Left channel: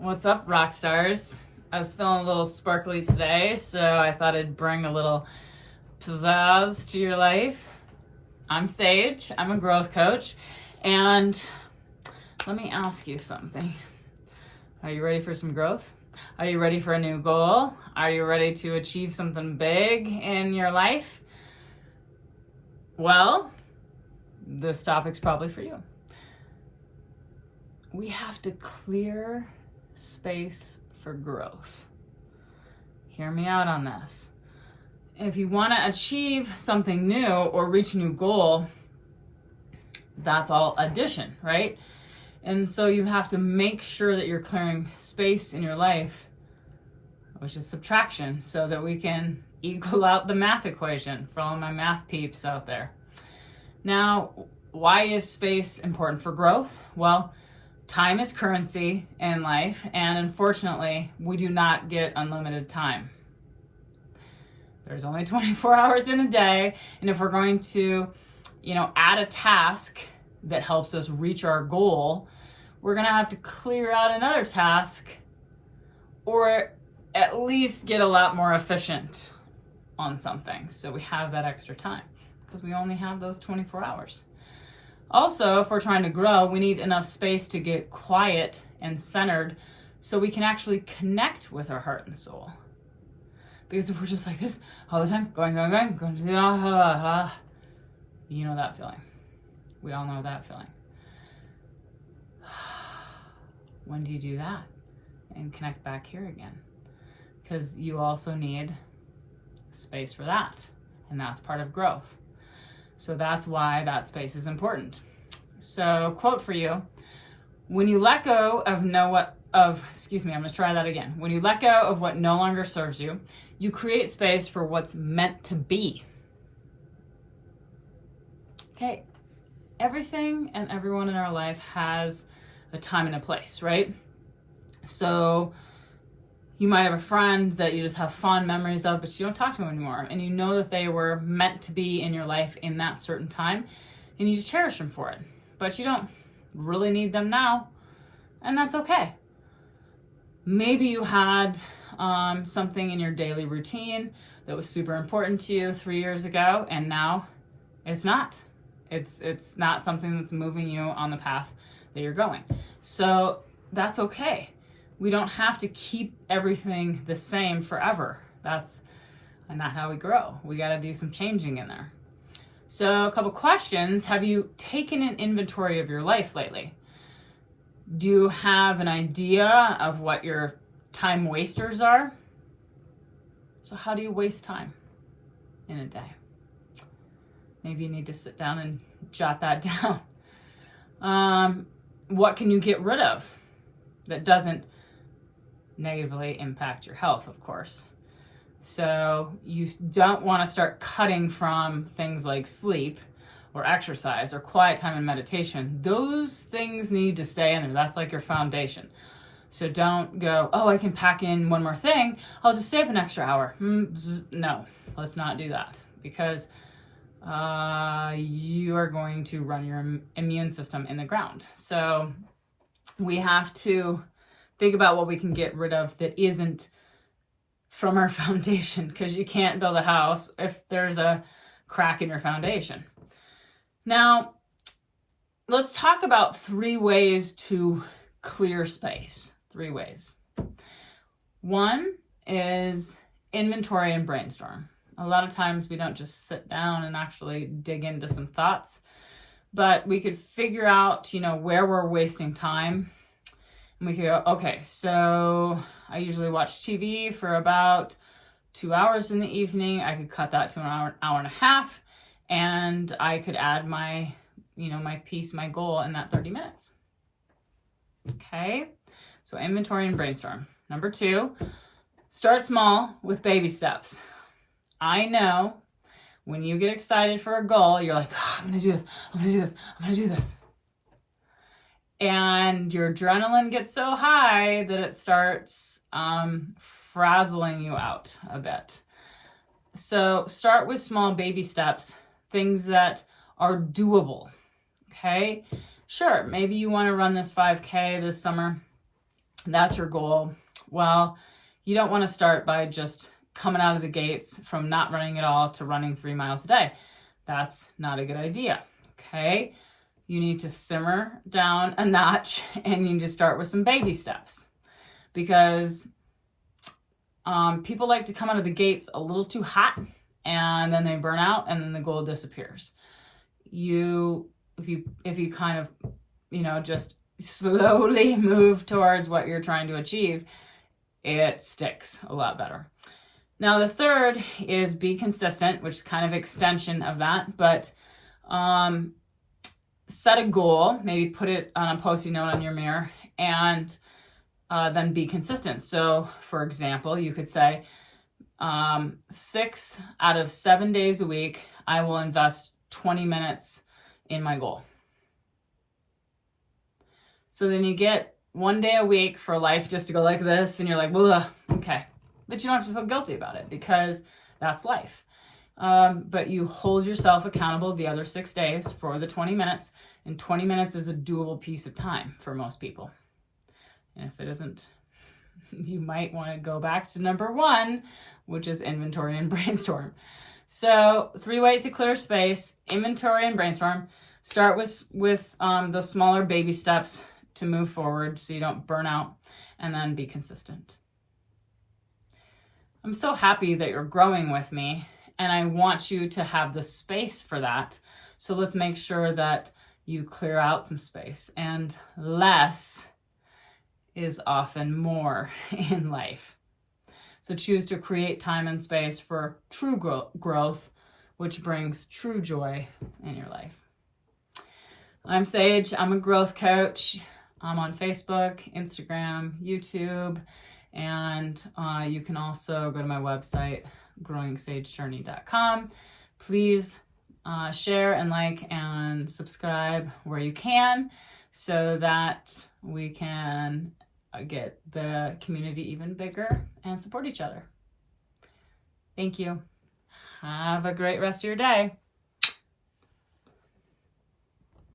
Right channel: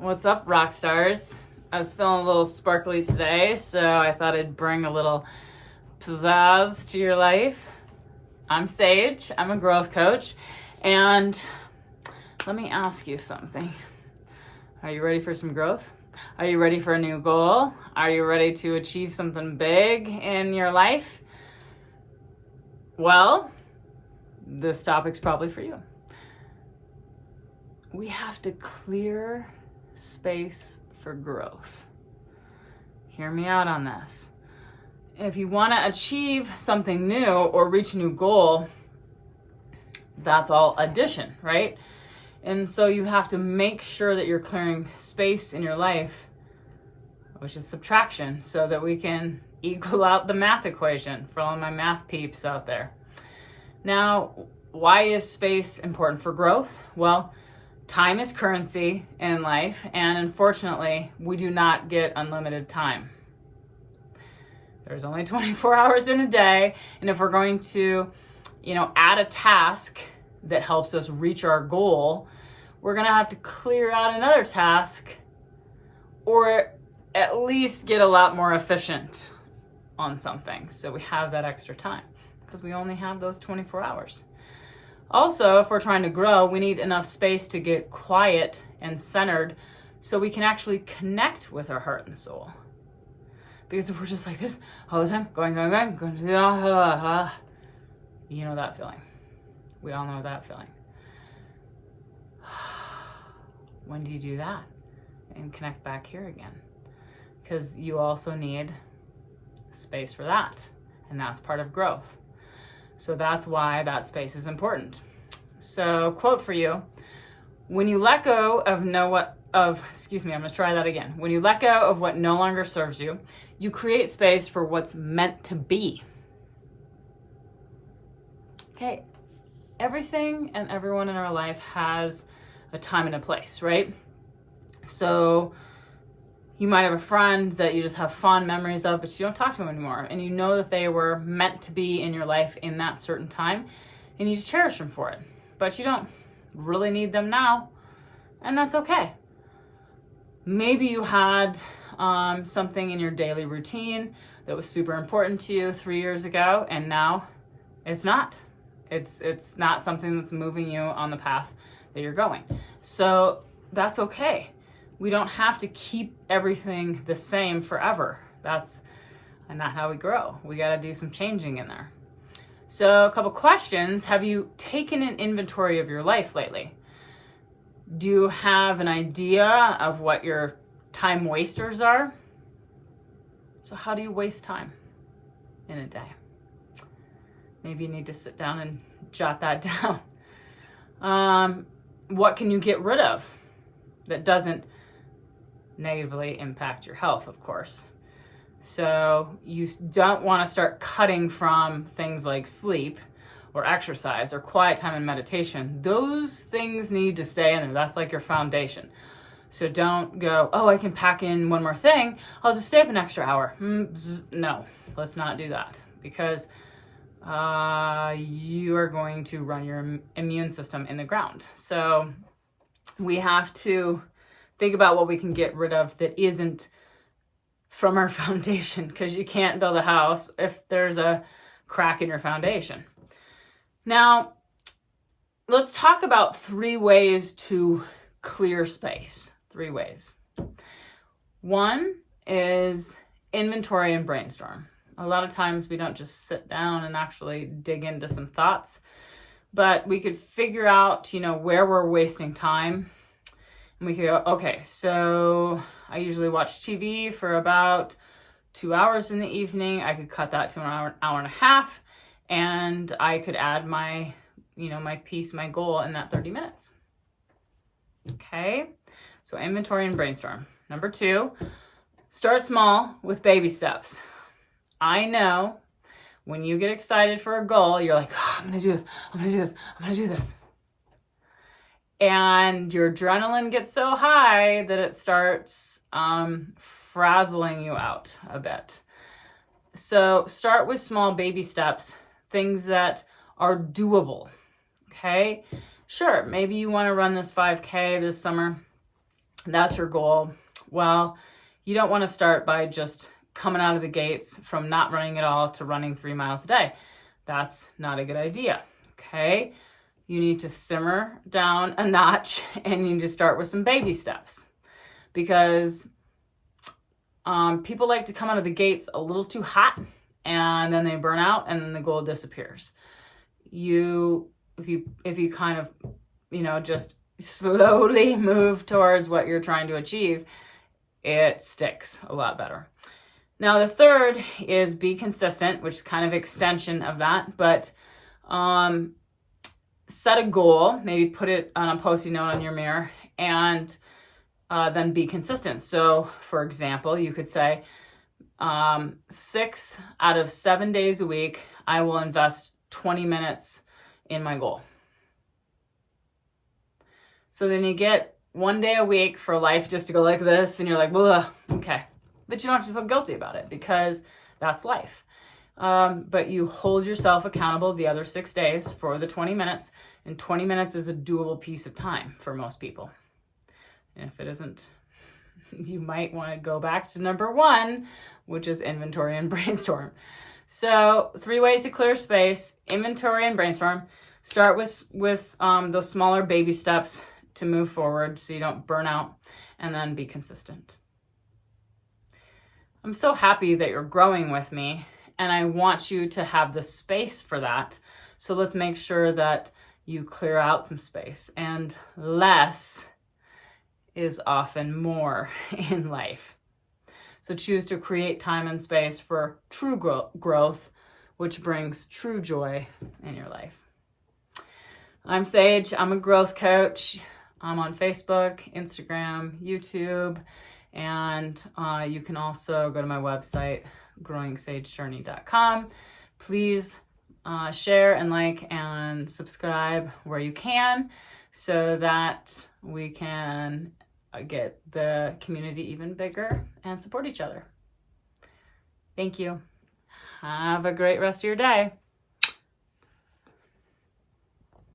What's up, rock stars? I was feeling a little sparkly today, so I thought I'd bring a little pizzazz to your life. I'm Sage, I'm a growth coach, and let me ask you something. Are you ready for some growth? Are you ready for a new goal? Are you ready to achieve something big in your life? Well, this topic's probably for you. We have to clear space for growth. Hear me out on this. If you want to achieve something new or reach a new goal, that's all addition, right? And so you have to make sure that you're clearing space in your life, which is subtraction, so that we can equal out the math equation for all my math peeps out there. Now, why is space important for growth? Well, time is currency in life, and unfortunately, we do not get unlimited time. There's only 24 hours in a day, and if we're going to, add a task that helps us reach our goal, we're gonna have to clear out another task, or at least get a lot more efficient on something, so we have that extra time, because we only have those 24 hours. Also, if we're trying to grow, we need enough space to get quiet and centered so we can actually connect with our heart and soul. Because if we're just like this all the time, going, you know that feeling. We all know that feeling. When do you do that? And connect back here again. Because you also need space for that. And that's part of growth. So that's why that space is important. So, quote for you: when you let go of When you let go of what no longer serves you, you create space for what's meant to be. Okay, everything and everyone in our life has a time and a place, right? So you might have a friend that you just have fond memories of, but you don't talk to them anymore. And you know that they were meant to be in your life in that certain time, and you cherish them for it. But you don't really need them now, and that's okay. Maybe you had something in your daily routine that was super important to you 3 years ago, and now it's not. It's not something that's moving you on the path that you're going. So that's okay. We don't have to keep everything the same forever. That's not how we grow. We got to do some changing in there. So a couple questions. Have you taken an inventory of your life lately? Do you have an idea of what your time wasters are? So how do you waste time in a day? Maybe you need to sit down and jot that down. What can you get rid of that doesn't negatively impact your health, of course? So you don't want to start cutting from things like sleep or exercise or quiet time and meditation. Those things need to stay in there. That's like your foundation. So don't go, I can pack in one more thing. I'll just stay up an extra hour. No, let's not do that, because you are going to run your immune system in the ground. So we have to think about what we can get rid of that isn't from our foundation, because you can't build a house if there's a crack in your foundation. Now, let's talk about 3 ways to clear space. 3 ways. One is inventory and brainstorm. A lot of times we don't just sit down and actually dig into some thoughts, but we could figure out, where we're wasting time. And we could go, okay, so I usually watch TV for about 2 hours in the evening. I could cut that to an hour and a half, and I could add my piece, my goal in that 30 minutes. Okay, so inventory and brainstorm. Number 2, start small with baby steps. I know when you get excited for a goal, you're like, I'm going to do this, I'm going to do this, I'm going to do this. And your adrenaline gets so high that it starts frazzling you out a bit. So start with small baby steps, things that are doable, okay? Sure, maybe you want to run this 5K this summer. That's your goal. Well, you don't want to start by just coming out of the gates from not running at all to running 3 miles a day. That's not a good idea. Okay. You need to simmer down a notch and you need to start with some baby steps, because people like to come out of the gates a little too hot and then they burn out and then the goal disappears. If you kind of, just slowly move towards what you're trying to achieve, it sticks a lot better. Now, the third is be consistent, which is kind of extension of that, but set a goal, maybe put it on a Post-it note on your mirror, and then be consistent. So, for example, you could say 6 out of 7 days a week, I will invest 20 minutes in my goal. So then you get 1 day a week for life just to go like this, and you're like, well, okay. But you don't have to feel guilty about it, because that's life. But you hold yourself accountable the other 6 days for the 20 minutes, and 20 minutes is a doable piece of time for most people. And if it isn't, you might want to go back to number 1, which is inventory and brainstorm. So 3 ways to clear space: inventory and brainstorm. Start with those smaller baby steps to move forward so you don't burn out, and then be consistent. I'm so happy that you're growing with me, and I want you to have the space for that. So let's make sure that you clear out some space, and less is often more in life. So choose to create time and space for true growth, which brings true joy in your life. I'm Sage. I'm a growth coach. I'm on Facebook, Instagram, YouTube, and you can also go to my website, growingsagejourney.com. Please share and like and subscribe where you can, so that we can get the community even bigger and support each other. Thank you. Have a great rest of your day.